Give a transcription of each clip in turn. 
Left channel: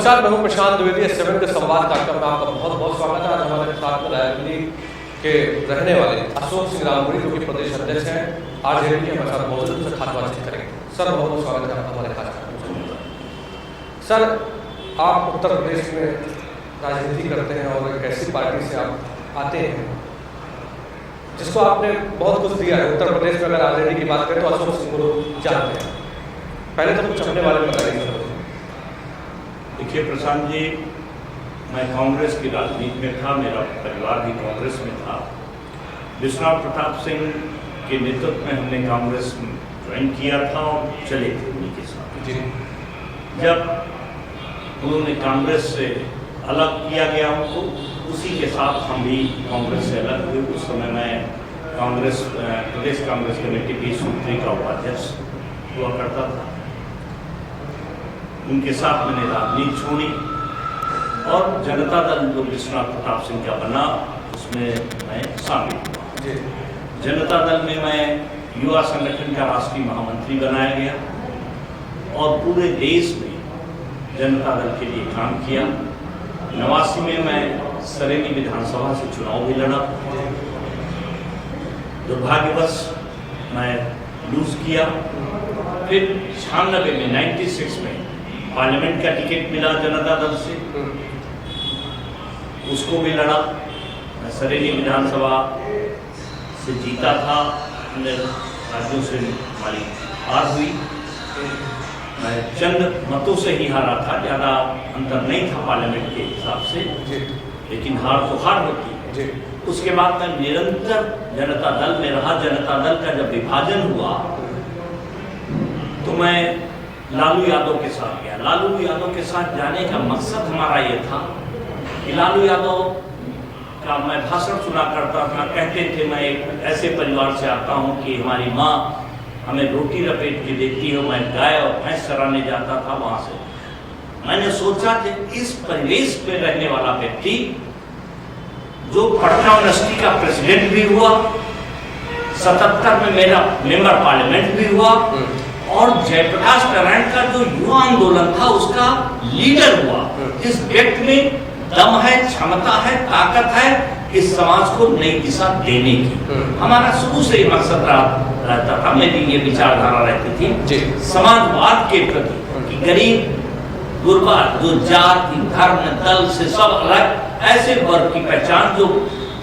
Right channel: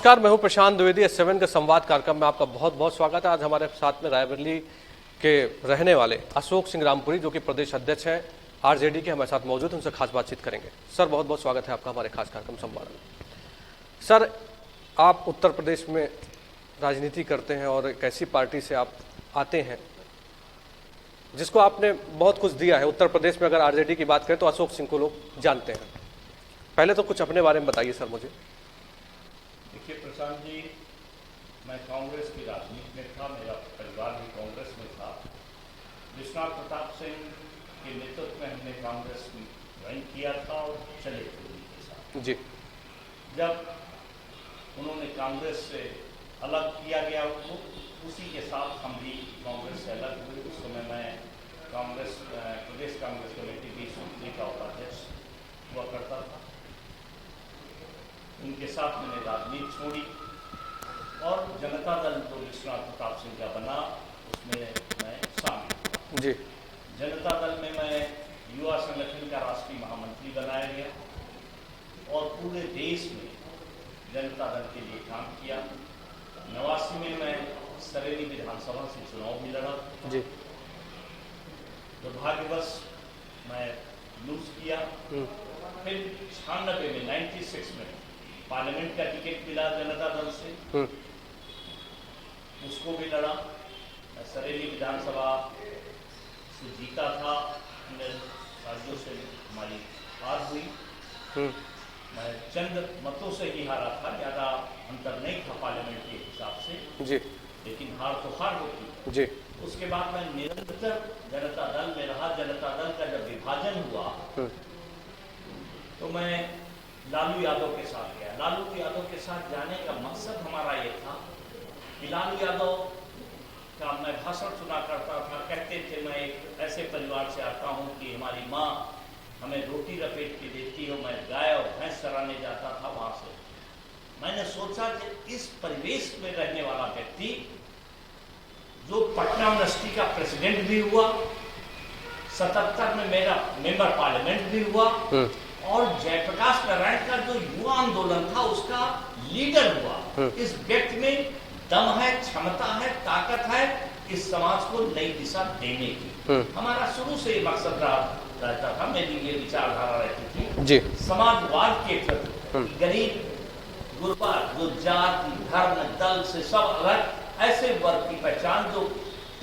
नमस्कार, मैं हूं प्रशांत द्विवेदी। S7 के संवाद कार्यक्रम में आपका बहुत बहुत स्वागत है। आज हमारे साथ में रायबरेली के रहने वाले अशोक सिंह रामपुरी, जो कि प्रदेश अध्यक्ष हैं आरजेडी के, हमारे साथ मौजूद, उनसे खास बातचीत करेंगे। सर, बहुत बहुत स्वागत है आपका हमारे खास कार्यक्रम संवाद में। सर, आप उत्तर प्रदेश में राजनीति करते हैं और एक ऐसी पार्टी से आप आते हैं जिसको आपने बहुत कुछ दिया है। उत्तर प्रदेश में अगर आरजेडी की बात करें तो अशोक सिंह को लोग जानते हैं। पहले तो कुछ अपने बारे में बताइए सर मुझे। देखिए प्रशांत जी, मैं कांग्रेस की राजनीति में था, मेरा परिवार भी कांग्रेस में था। विश्वनाथ प्रताप सिंह के नेतृत्व में हमने कांग्रेस ज्वाइन किया था और चले थे उन्हीं के साथ। जी, जब उन्होंने कांग्रेस से अलग किया गया उनको, उसी के साथ हम भी कांग्रेस से अलग हुए। उस समय मैं कांग्रेस प्रदेश कांग्रेस कमेटी की सूत्री का उपाध्यक्ष हुआ करता था। उनके साथ मैंने राजनीति छोड़ी और जनता दल जो विश्वनाथ प्रताप सिंह का बना उसमें मैं शामिल हुआ। जी, जनता दल में मैं युवा संगठन का राष्ट्रीय महामंत्री बनाया गया और पूरे देश में जनता दल के लिए काम किया। 89 में मैं सरेली विधानसभा से चुनाव भी लड़ा। दुर्भाग्यवश मैं लूज किया। फिर 96 में 96 में पार्लियामेंट का टिकट मिला जनता दल से, उसको भी लड़ा। सरेली विधानसभा से जीता था, राज्यों से हमारी हार हुई। मैं चंद मतों से ही हारा था, ज़्यादा अंतर नहीं था पार्लियामेंट के हिसाब से जी, लेकिन हार तो हार होती। जी, उसके बाद मैं निरंतर जनता दल में रहा। जनता दल का जब विभाजन हुआ तो मैं लालू यादव के साथ गया। लालू यादव के साथ जाने का मकसद हमारा ये था कि लालू यादव का मैं भाषण सुना करता था। कहते थे मैं एक ऐसे परिवार से आता हूँ कि हमारी माँ हमें रोटी लपेट के देती है, मैं गाय और भैंस चराने जाता था वहां से। मैंने सोचा कि इस परिवेश में रहने वाला व्यक्ति जो पटना यूनिवर्सिटी का प्रेसिडेंट भी हुआ, 77 में मेरा मेंबर पार्लियामेंट भी हुआ और जयप्रकाश नारायण का जो युवा आंदोलन था उसका लीडर हुआ, इस व्यक्ति में दम है, क्षमता है, ताकत है इस समाज को नई दिशा देने की। हमारा शुरू से ही मकसद रहता था, मेरी ये विचारधारा रहती थी समाजवाद के प्रति। गरीब, गुरबा, जो जाति, धर्म, दल से सब अलग ऐसे वर्ग की पहचान जो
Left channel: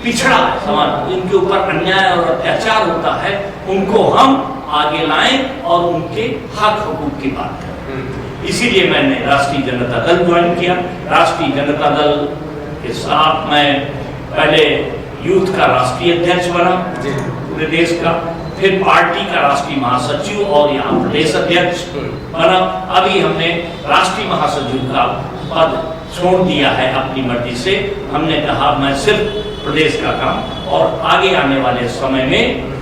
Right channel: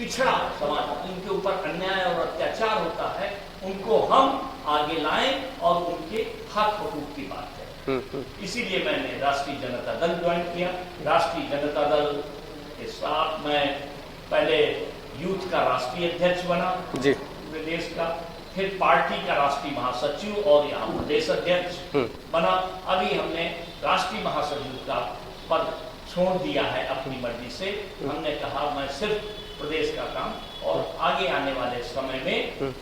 पिछड़ा समाज, इनके ऊपर अन्याय और अत्याचार होता है, उनको हम आगे लाएं और उनके हक हकूक की बात करें। इसीलिए मैंने राष्ट्रीय जनता दल ज्वाइन किया। राष्ट्रीय जनता दल के साथ मैं पहले यूथ का राष्ट्रीय अध्यक्ष बना पूरे देश का, फिर पार्टी का राष्ट्रीय महासचिव और यहाँ प्रदेश अध्यक्ष बना। अभी हमने राष्ट्रीय महासचिव का पद छोड़ दिया है अपनी मर्जी से। हमने कहा मैं सिर्फ प्रदेश का काम, और आगे आने वाले समय में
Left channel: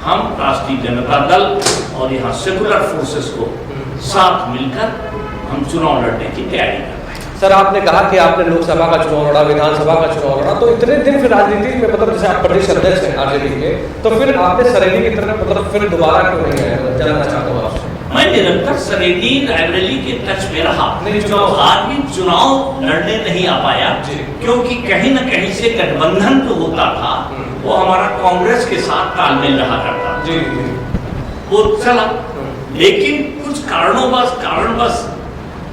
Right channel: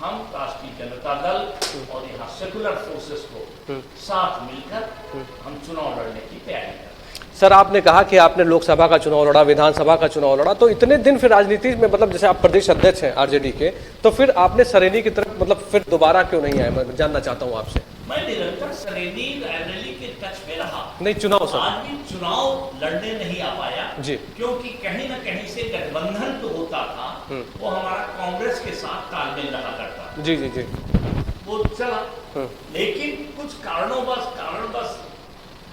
हम राष्ट्रीय जनता दल और यहाँ सेकुलर फोर्सेस को साथ मिलकर हम चुनाव लड़ने की तैयारी कर रहे हैं। सर, आपने कहा कि आपने लोकसभा का चुनाव लड़ा, विधानसभा का चुनाव लड़ा, तो इतने दिन फिर राजनीति में, मतलब जैसे आप प्रदेश अध्यक्ष हैं आरजेडी के, तो फिर आपने सरेली की तरफ मतलब फिर दोबारा क्यों नहीं आए? मैं जानना चाहता हूँ आपसे। मैं निरंतर सरेली रायबरेली के टच में रहा। नहीं, चुनाव लड़ने नहीं आ पाया क्योंकि कहीं न कहीं से गठबंधन तो होता था, वो हमारा कांग्रेस के साथ तालमेल रहा करता। जी जी जी, वो चला, लेकिन कुछ कारणवश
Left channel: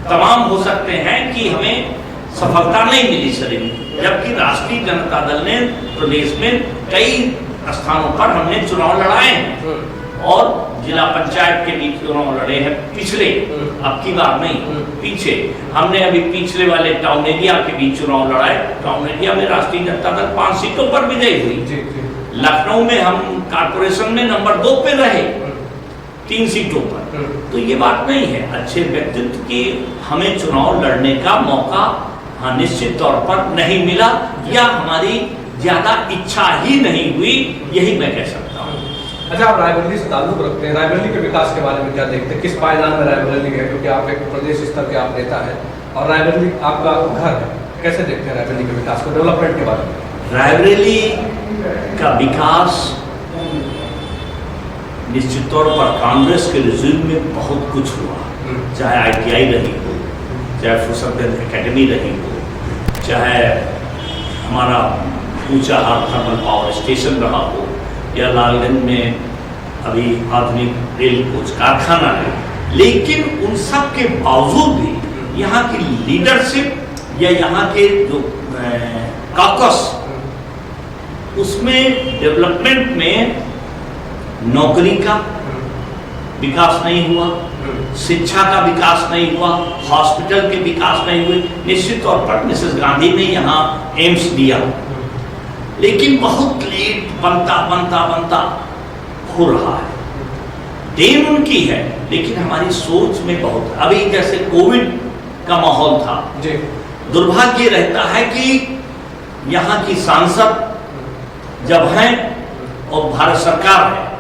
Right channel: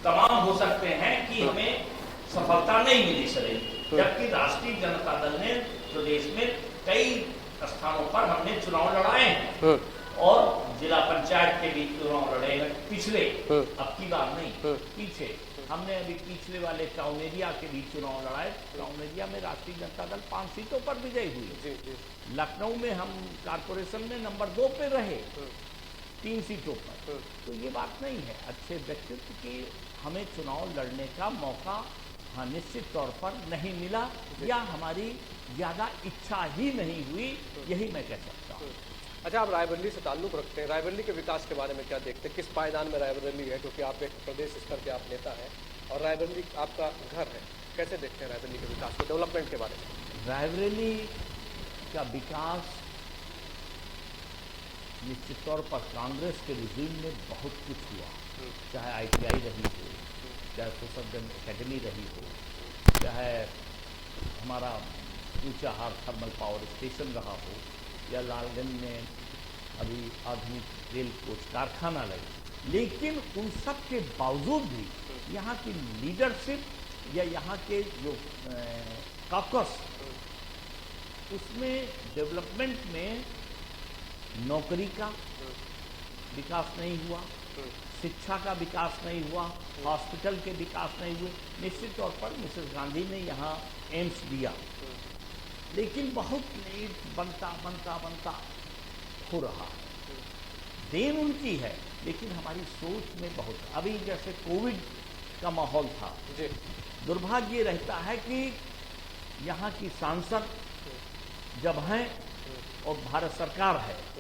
तमाम हो सकते हैं कि हमें सफलता नहीं मिली सरेली। जबकि राष्ट्रीय जनता दल ने प्रदेश में कई स्थानों पर हमने चुनाव लड़ाए हैं और जिला पंचायत के लिए चुनाव लड़े हैं पिछले, अब की बात नहीं, पीछे। हमने अभी पिछले वाले टाउन एरिया के बीच चुनाव लड़ाए। टाउन एरिया में राष्ट्रीय जनता दल 5 सीटों पर विजयी हुई। लखनऊ में हम कारपोरेशन में नंबर 2 पे रहे 3 सीटों पर। तो ये बात नहीं है। अच्छे व्यक्तित्व की हमें चुनाव लड़ने का मौका निश्चित तौर पर नहीं मिला, या हमारी ज्यादा इच्छा ही नहीं हुई, यही मैं कह सकता हूँ। अच्छा, आप रायबरेली से ताल्लुक रखते हैं, रायबरेली के विकास के बारे में क्या देखते हैं? किस पायदान में रायबरेली है? क्योंकि आप एक प्रदेश स्तर के आप नेता है और रायबरेली आपका घर है, कैसे देखते हैं रायबरेली के विकास को, डेवलपमेंट के बारे में? रायबरेली का विकास निश्चित तौर पर कांग्रेस के रिजीम में बहुत कुछ हुआ, चाहे ITI रही हो, चाहे फुर्सतगंज एकेडमी रही हो, चाहे हमारा ऊंचाहार थर्मल पावर स्टेशन रहा हो, या लालगंज में अभी आधुनिक रेल कोच कारखाना है, लेकिन उन सब के बावजूद भी यहाँ की लीडरशिप या यहाँ के जो कॉकस, उसमें डेवलपमेंट में नौकरी का विकास नहीं हुआ, शिक्षा का विकास नहीं हुआ, हॉस्पिटल के विकास नहीं हुए। निश्चित तौर पर मिसेस गांधी ने यहाँ एम्स दिया, लेकिन बहुत लेट बनता बनता बनता हो रहा है। देन उनकी है, लेकिन हमारी सोच में बहुत, अभी जैसे कोविड का माहौल था, दुर्भाग्य रहता है कि यहाँ की सांसद जब हैं और भारत सरकार है,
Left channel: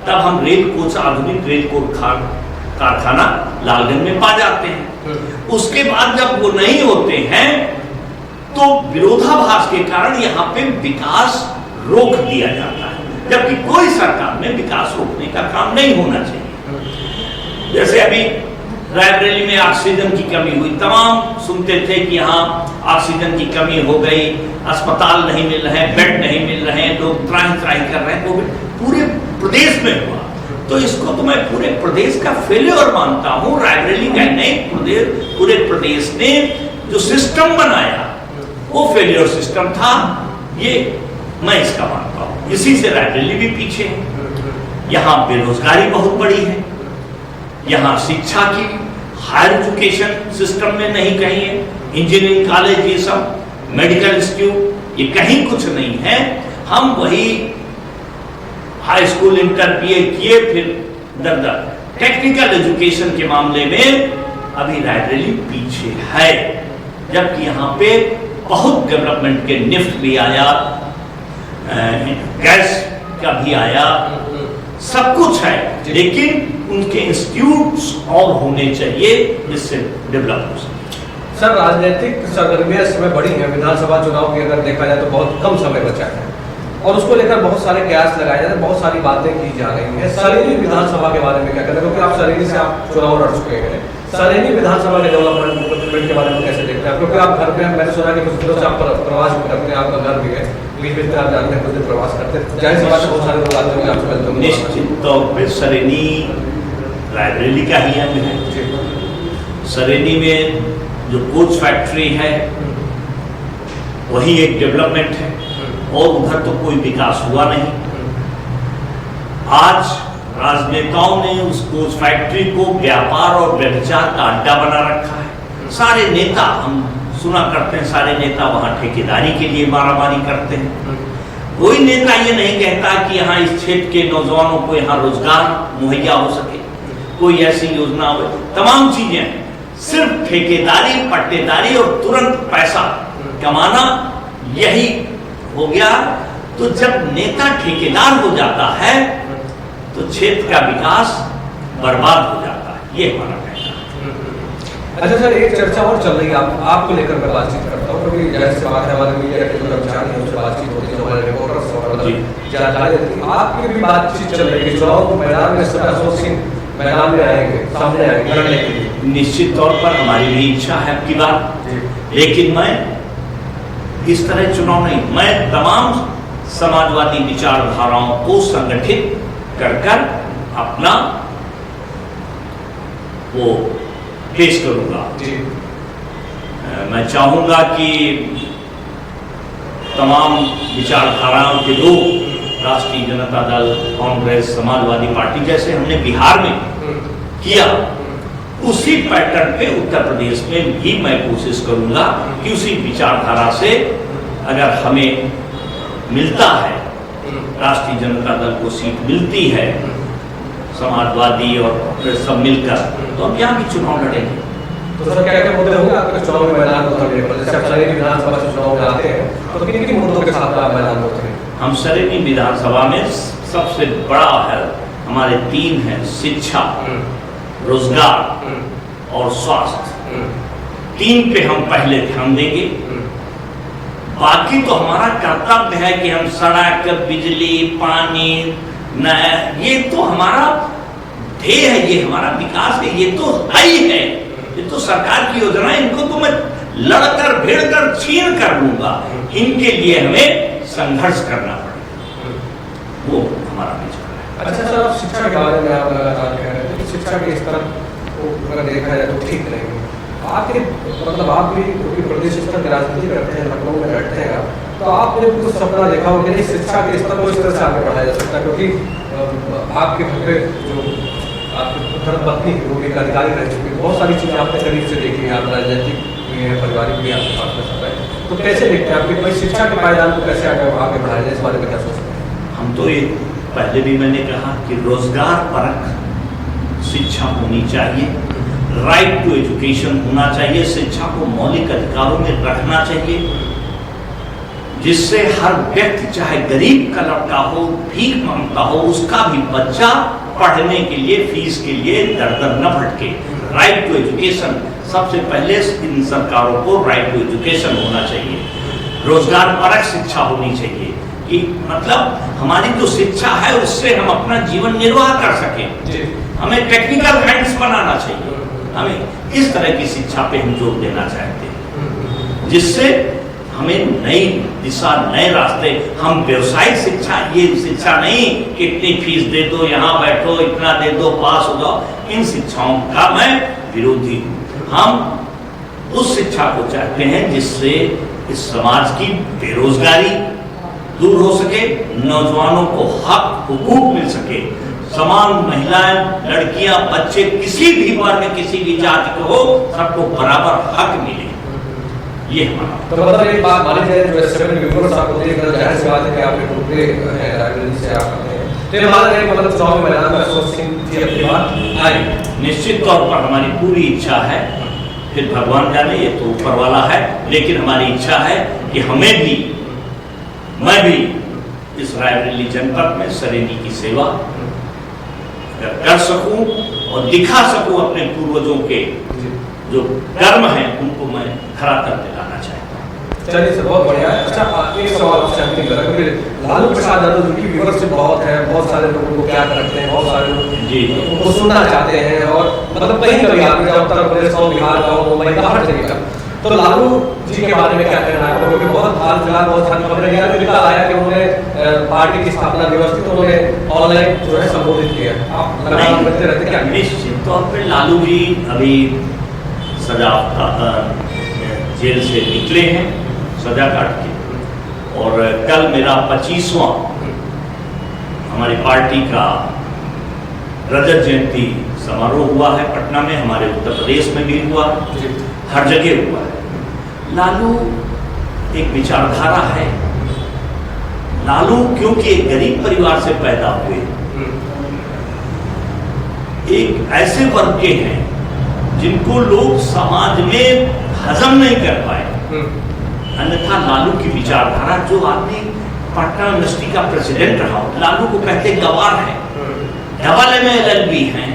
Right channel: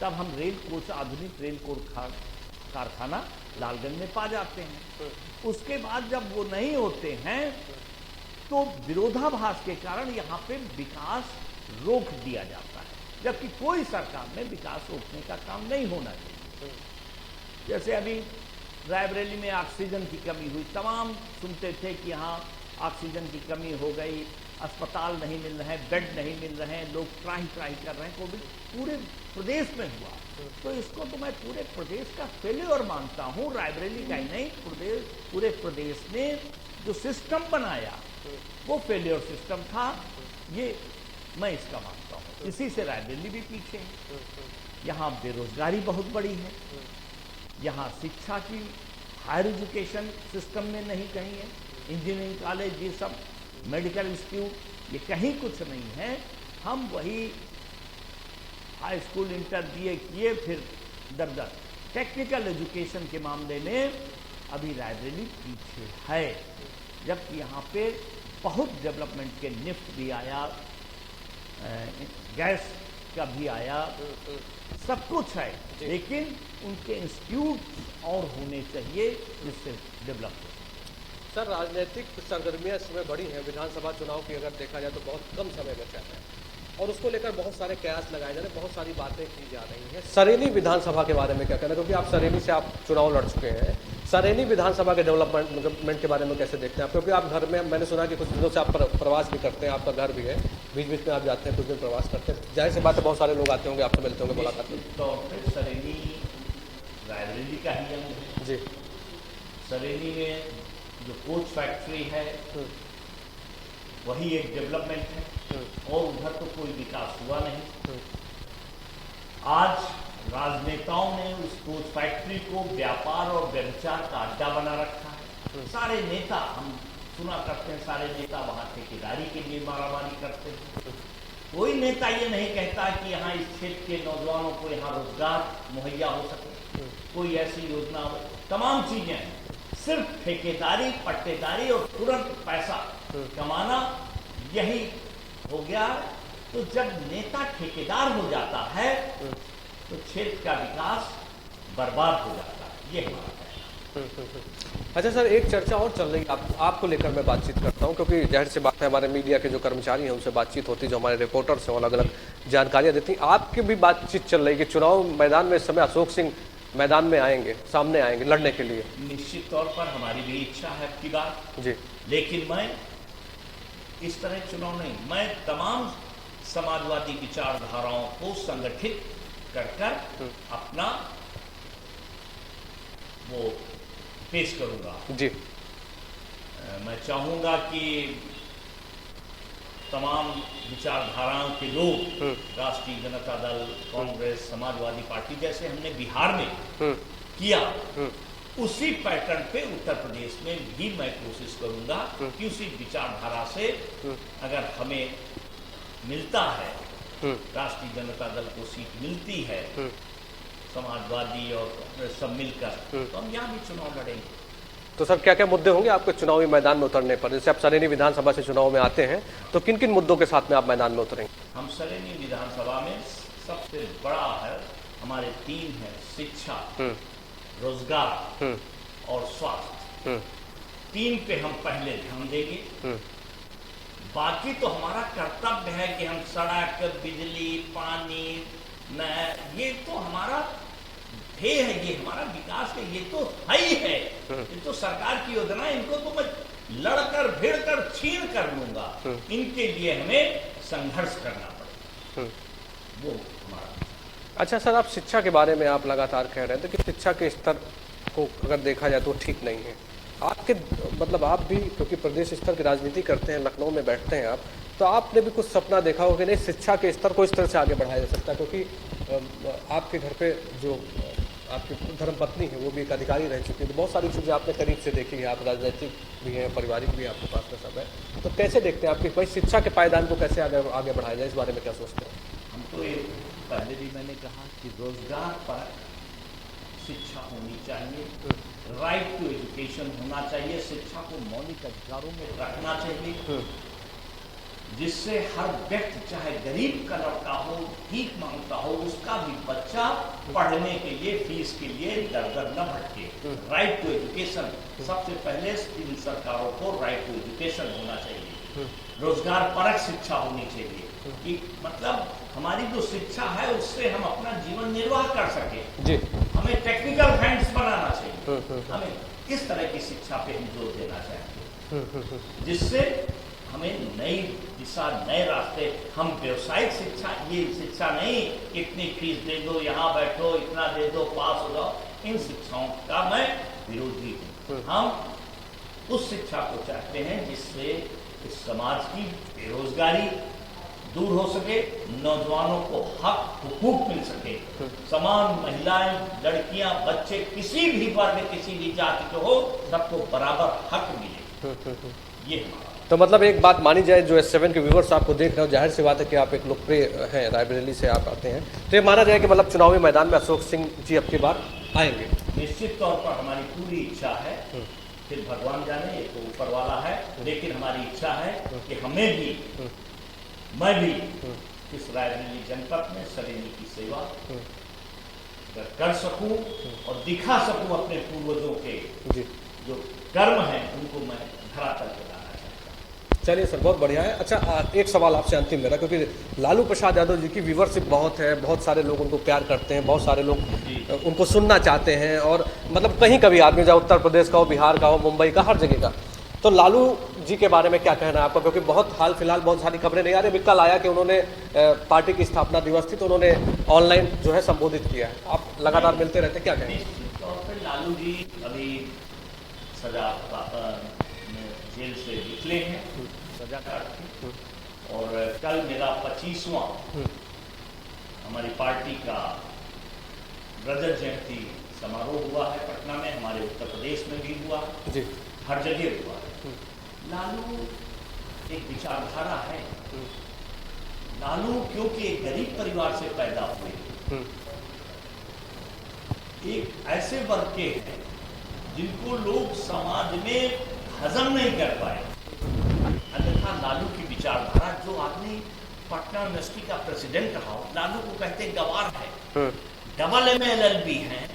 तब हम रेल कोच, आधुनिक रेल कोच कारखाना लालगंज में पा जाते हैं। उसके बाद जब वो नहीं होते हैं तो विरोधाभास के कारण यहाँ पे विकास रोक दिया जाता है, जबकि कोई सरकार में विकास रोकने का काम नहीं होना चाहिए। जैसे अभी रायबरेली में ऑक्सीजन की कमी हुई, तमाम सुनते थे कि यहाँ ऑक्सीजन की कमी हो गई, अस्पताल नहीं मिल रहे, बेड नहीं मिल रहे, लोग त्राही त्राही कर रहे हैं, तो पूरे प्रदेश में हुआ। तो इसको तो मैं पूरे प्रदेश का फेलियर मानता हूँ। रायबरेली का नहीं, पूरे प्रदेश ने जो सिस्टम बनाया वो फेलियर सिस्टम था, ये मैं इसका मानता हूँ। इसी से रायबरेली भी पीछे है। यहाँ बेरोजगारी बहुत बड़ी है, यहाँ शिक्षा की हायर एजुकेशन सिस्टम में नहीं कहीं है, इंजीनियरिंग कॉलेज, ये सब मेडिकल इंस्टीट्यूट, ये कहीं कुछ नहीं है। हम वही हाई स्कूल, इंटर, बीए किए, फिर टेक्निकल एजुकेशन के मामले में अभी रायबरेली पीछे है, जबकि यहाँ पे बहुत डेवलपमेंट के निफ्ट भी आया, गैस का भी आया, सब कुछ है, लेकिन उनके इंस्टीट्यूट्स और होने चाहिए जिससे डेवलप हो सके। सर, राजनीतिक सरगर्मियां इस समय बड़ी हैं। विधानसभा चुनाव की अगर देखा जाए तो बहुत कम समय बचा है और उसको लेकर बहुत सारे कयास लगाए जाते हैं, बहुत सारी बातें की जा रही हैं। सरेनी विधानसभा के बारे में क्या कहते हैं, क्योंकि आप सरेनी से आप चुनाव लड़ चुके हैं। सरेनी विधानसभा डेवलपमेंट के बारे में कैसे देखते हैं, क्योंकि आप घर में, मैंने सुना कि कुछ आप प्रवास करते हैं, आपका घर भी है, प्रवास करते हैं, निश्चित तौर पर सरेनी रायबरेली का ही अंग है। सरेनी में जो कोच फैक्ट्री है वही एक डेवलपमेंट है, और उधर तो कोई विकास हुआ नहीं। आज राजनेताओं ने उस कोच फैक्ट्री को व्यापार और व्यभिचार का अड्डा बना रखा है। सारे नेता, हम सुना करते हैं, सारे नेता वहां ठेकेदारी के लिए मारामारी करते हैं। कोई नेता ये नहीं कहता कि यहाँ इस क्षेत्र के नौजवानों को यहाँ रोजगार मुहैया हो सके, कोई ऐसी योजना हो। तमाम चीजें सिर्फ ठेकेदारी, पट्टेदारी और तुरंत पैसा कमाना, यही हो गया। तो जब नेता ठेकेदार हो जाता है तो क्षेत्र का विकास बर्बाद हो जाता है, ये हमारा कहना है। अच्छा सर, एक चर्चा और चल रही है, आपको लेकर मैं बातचीत करता हूँ, क्योंकि जैसे से बात है, हमारे मीडिया के जो कर्मचारी हैं उनसे बातचीत होती है, जो हमारे रिपोर्टर्स हैं और अलग जानकारी देती है। आपकी भी बातचीत चल रही है कि चुनाव मैदान में इस समय अशोक सिंह मैदान में आएंगे, सामने आएंगे लड़ने के लिए। निश्चित तौर पर हमारी भी इच्छा है आपकी बात, लेकिन मैं इस तरह चुनाव नहीं, मैं तमाम समाजवादी विचारधाराओं को संगठित कर अपना वो पेश करूंगा। मैं चाहूंगा कि तमाम विचारधाराओं के लोग, राष्ट्रीय जनता दल, कांग्रेस, समाजवादी पार्टी, जैसे हमने बिहार में किया, उसी पैटर्न पे उत्तर प्रदेश में भी मैं कोशिश करूंगा कि उसी विचारधारा से अगर हमें मिलता है, राष्ट्रीय जनता दल को सीट मिलती है, समाजवादी और सब मिलकर, तो हम यहाँ भी चुनाव लड़ेंगे। तो सर, क्या क्या मुद्दे होंगे आपके चुनावी मैदान में उतरने पर? जैसे आप सरेनी विधानसभा के चुनाव में आते हैं तो किन किन मुद्दों के साथ में आप मैदान में उतरेंगे? हम सरेनी विधानसभा में सबसे बड़ा है, हमारे 3 है, शिक्षा, रोजगार और स्वास्थ्य। 3 पे हम पहले ध्यान देंगे। बाकी तो हमारा कर्तव्य है कि हम सड़क, बिजली, पानी, नहर, ये तो हमारा ध्येय है, ये हमारा विकास है, ये तो है ही है। ये तो सरकार की योजना है, इनको तो मैं लड़कर भिड़कर चीर कर लूंगा। इनके लिए हमें संघर्ष करना पड़ेगा, वो हमारा विचार है। अच्छा सर, आप शिक्षा के बारे में आप लगातार कह रहे हैं कि शिक्षा के स्तर को अगर देखा जाए तो ठीक नहीं है। आखिर मतलब आप भी क्योंकि प्रदेश स्तर में राजनीति करते हैं, लखनऊ में बैठते हैं आप, तो आपने कुछ सपना देखा हो मेरे शिक्षा के स्तर को इस तरह से आगे बढ़ाया जा सकता है, क्योंकि आपके घर पे जो आपकी धर्मपत्नी जो एक अधिकारी रह चुकी, बहुत सारी चीज़ें आपने करीब से देखी है, आप राजनीतिक पारिवारिक भी आप, तो कैसे देखते हैं आपकी बड़ी शिक्षा के पायदान को कैसे आगे बढ़ाया जाए, इस बारे में क्या सोचते हैं? हम तो ये पहले भी मैंने कहा कि रोजगार परक शिक्षा होनी चाहिए, राइट टू एजुकेशन होना चाहिए, शिक्षा को मौलिक अधिकारों में रखना चाहिए, जिससे हर व्यक्ति चाहे गरीब का लड़का हो, भीख मांगता हो, उसका भी बच्चा पढ़ने के लिए फीस के लिए दर न भटके। राइट टू एजुकेशन सबसे पहले इन सरकारों को राइट टू एजुकेशन होना चाहिए, रोजगार परक शिक्षा होनी चाहिए कि मतलब हमारी जो शिक्षा है उससे हम अपना जीवन निर्वाह कर सकें। हमें टेक्निकल गाइडेंस बनाना चाहिए, हमें इस तरह की शिक्षा पे हम जोर देना चाहते हैं, जिससे हमें नई दिशा, नए रास्ते, हम व्यवसायिक शिक्षा, ये शिक्षा नहीं इतनी फीस दे दो, यहाँ बैठो, इतना दे दो, पास हो जाओ, इन शिक्षाओं का मैं विरोधी हूँ। हम उस शिक्षा को चाहते हैं जिससे इस समाज की बेरोजगारी दूर हो सके, नौजवानों को हक हुकूक मिल सके, समान महिलाएं, लड़कियां, बच्चे, किसी भी वर्ग, किसी भी जाति को हो, सबको बराबर हक मिले, ये हमारा। तो मतलब एक बात मानी जाए, जो S7 के व्यूअर्स आपको देखकर जाहिर सी बात है कि आप एक रुपये हैं, रायबरेली से आप आते हैं, तो ये माना जाए कि मतलब चुनावी मैदान में अशोक सिंह जी अपनी बात आएंगे। निश्चित तौर पर हमारी पूरी इच्छा है, फिर भगवान जाने, ये तो ऊपर वाला है, लेकिन हमारी इच्छा है कि हमें भी, मैं भी इस रायबरेली जनपद में सरेनी की सेवा कर सकूं और दिखा सकूं अपने पूर्वजों के जो कर्म हैं उनको मैं खरा कर दिलाना चाहता हूँ। चलिए, इससे बहुत बढ़िया है। अच्छा, एक सवाल आपसे अंतिम करें, क्योंकि लालू प्रसाद यादव जी की व्यूअरशिप बहुत है, बहुत सारे लोग उनको प्यार करते हैं, बहुत सारे लोग उनको सुनना चाहते हैं, और मतलब कहीं कभी आदमी जाओ, उत्तर प्रदेश का हो, बिहार का हो, मुंबई का, हर जगह का, तो लालू जी के बारे में क्या कहना है? क्योंकि बहुत हाल फिलहाल बहुत सारी खबरें निकाले, बिल्कुल आया कि उन्होंने पार्टी की स्थापना दिवस को उन्होंने ऑनलाइन जो है संबोधित किया है। आप लगातार करते रहते हैं? निश्चित तौर पर लालू जी अभी सजा जेल से निकले हैं, सजा काट के, और कल मेरा 25वां हमारी पार्टी का रजत जयंती समारोह हुआ है पटना में, हमारे उत्तर प्रदेश में भी हुआ, हर जगह हुआ है। लालू एक विचारधारा है, लालू क्योंकि एक गरीब परिवार से पैदा हुए, एक ऐसे वर्ग के हैं जिनको लोग समाज में हजम नहीं कर पाए, अन्यथा लालू की विचारधारा, जो आदमी पटना यूनिवर्सिटी का प्रेसिडेंट रहा, लालू को कहते गवार है, गवाले में LLB हैं,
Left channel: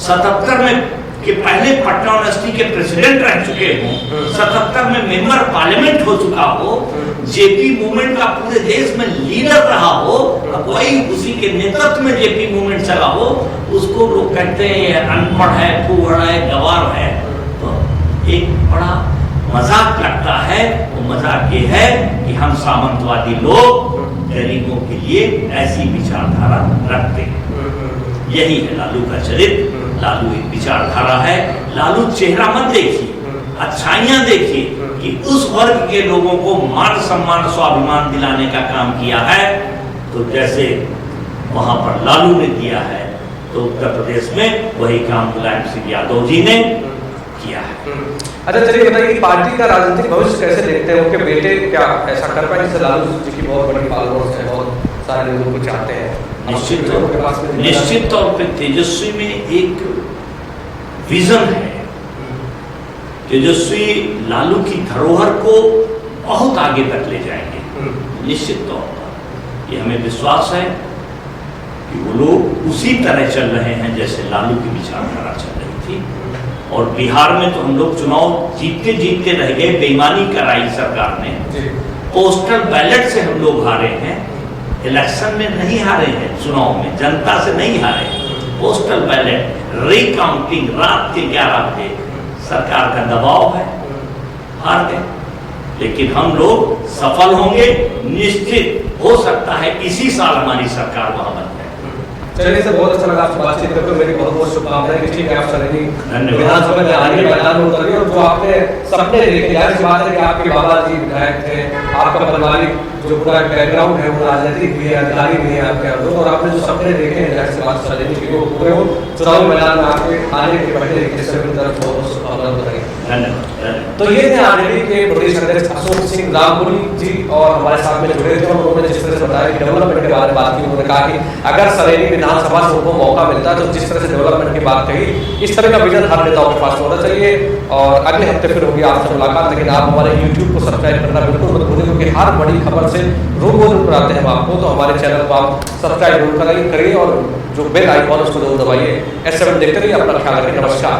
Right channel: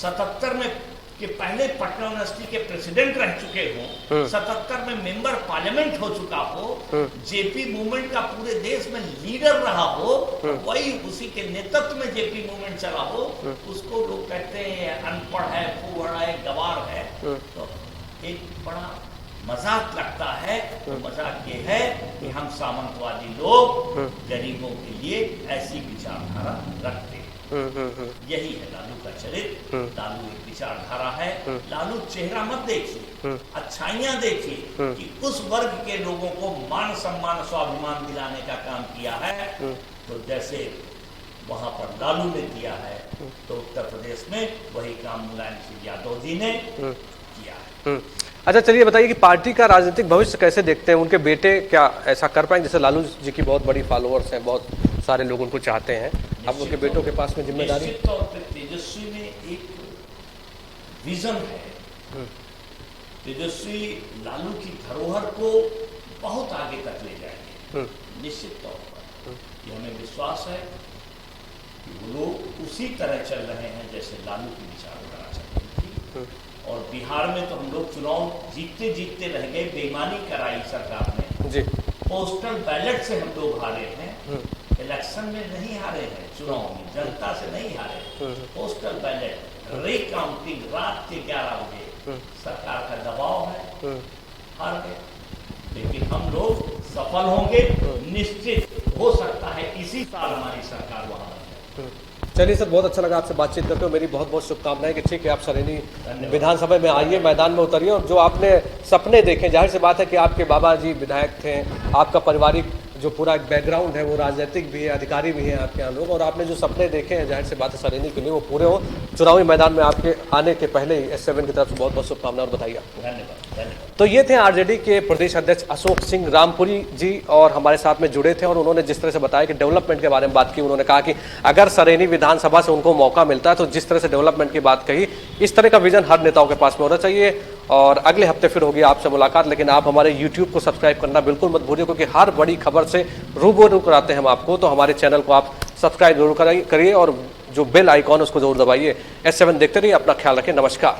77 में कि पहले पटना यूनिवर्सिटी के प्रेसिडेंट रह चुके हों, 77 में मेंबर पार्लियामेंट हो चुका हो, जेपी मूवमेंट का पूरे देश में लीडर रहा हो, वही उसी के नेतृत्व में जेपी मूवमेंट चला हो, उसको लोग कहते हैं अनपढ़ है, फूहड़ है, गवार है। एक बड़ा मजाक लगता है, वो मजाक ये है कि हम सामंतवादी लोग गरीबों के लिए ऐसी विचारधारा रखते हैं। यही है लालू का चरित्र, लालू एक विचारधारा है। लालू चेहरा मत देखिए, अच्छाइयां देखिए कि उस वर्ग के लोगों को मान सम्मान स्वाभिमान दिलाने का काम किया है, तो जैसे वहां पर लालू ने किया है, तो उत्तर प्रदेश में वही काम मुलायम सिंह यादव जी ने किया है। अच्छा, चलिए बताइए कि पार्टी का राजनीतिक भविष्य कैसे देखते हैं? उनके बेटे क्या ऐसा कर पाए? जैसे लालू जी की बहुत बड़ी फॉलोअर्स हैं, बहुत सारे लोग उनको चाहते हैं। निश्चित तौर पे तेजस्वी में एक विजन है, तेजस्वी लालू की धरोहर को बहुत आगे तक ले जाएंगे। निश्चित तौर पर ये हमें विश्वास है कि वो लोग उसी तरह चल रहे हैं जैसे लालू की विचारधारा चल रही थी। और बिहार में तो हम लोग चुनाव जीतते जीतते रह गए, बेईमानी कराई सरकार ने, पोस्टल बैलेट से हम लोग हारे हैं, इलेक्शन में नहीं हारे हैं, चुनाव में जनता से नहीं हारे, पोस्टल बैलेट रिकाउंटिंग रात के 11 बजे सरकार का दबाव है, हार गए। लेकिन हम लोग सफल होंगे, निश्चित हो सकता है इसी साल हमारी सरकार वहां बन जाए। चलिए सर, बहुत अच्छा लगा आपसे बातचीत करके। मेरी बहुत बहुत शुभकामनाएं कि ठीक है आप सरेनी विधानसभा में आगे मैदान में उतरिए और जो आपने सपने देखे, जाहिर सी बात है कि आपके बाबा जी विधायक थे, आपका पारिवारिक जो पूरा बैकग्राउंड है वो राजनीतिक भी है, अधिकारी भी है आपके अंदर, और आपने जो सपने देखे हैं जाहिर सी बात सरेनी के लिए वो पूरे हो। चुनावी मैदान में आपके आने के पहले S7 की तरफ बहुत बहुत शुभकामनाएं बताइए। तो ये थे आरजेडी के प्रदेश अध्यक्ष अशोक सिंह रामपुरी जी, और हमारे साथ में जुड़े थे और उन्होंने जिस तरह से बताया कि डेवलपमेंट के बारे में बात की। उन्होंने कहा कि अगर सरेनी विधानसभा से उनको मौका मिलता है तो जिस तरह से डेवलपमेंट की बात कही, इस तरह का विजन हर नेताओं के पास होना चाहिए। और अगले हफ्ते फिर होगी आपसे मुलाकात, लेकिन आप हमारे YouTube को सब्सक्राइब करना बिल्कुल मत भूलिए, क्योंकि हर बड़ी खबर से रूबरू कराते हैं हम आपको। तो हमारे चैनल को आप सब्सक्राइब जरूर करिए और जो बेल आइकॉन उसको जरूर दबाइए। S7 देखते रहिए, अपना ख्याल रखें, नमस्कार।